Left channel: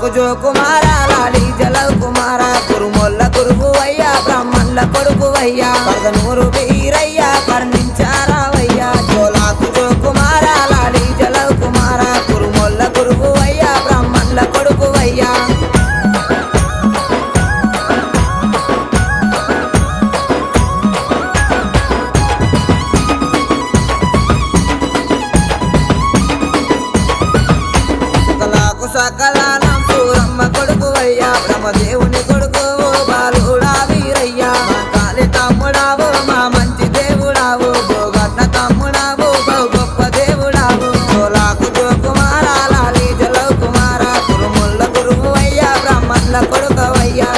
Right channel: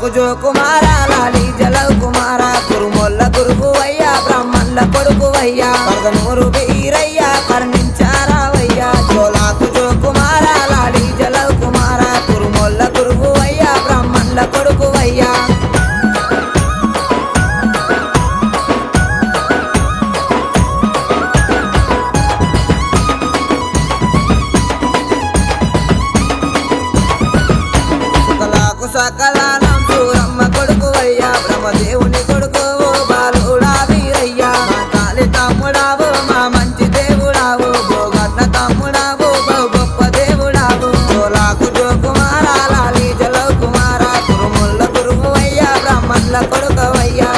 జోలాకు జో కుమార లాలి జలవ్ కుమార కురుమొల్ల గురువువయ్యా బ్రాహ్మణుల కొడుకువయ్యా పరదనూరు వీరయ్యా కర్ణించారావయ్యా జోలాకు జో కుమార లాలి జలవ్ కుమార కురుమొల్ల గురువువయ్యా బ్రాహ్మణుల కొడుకువయ్యా సకలానం సూరమ్మ కొడుకువయ్యా బ్రహ్మదేవుని కొడుకు బాలుడా వీరయ్యా మా కాలి తమ్ముడావు మా మంచి దేవుడావు భోగన్న తమ్ముడావు బహు గొప్ప దేవుడావు జోలాకు జో కుమార లాలి జలవ్ కుమార కురుముల్ల గురువువయ్యా బ్రాహ్మణుల కొడుకువయ్యా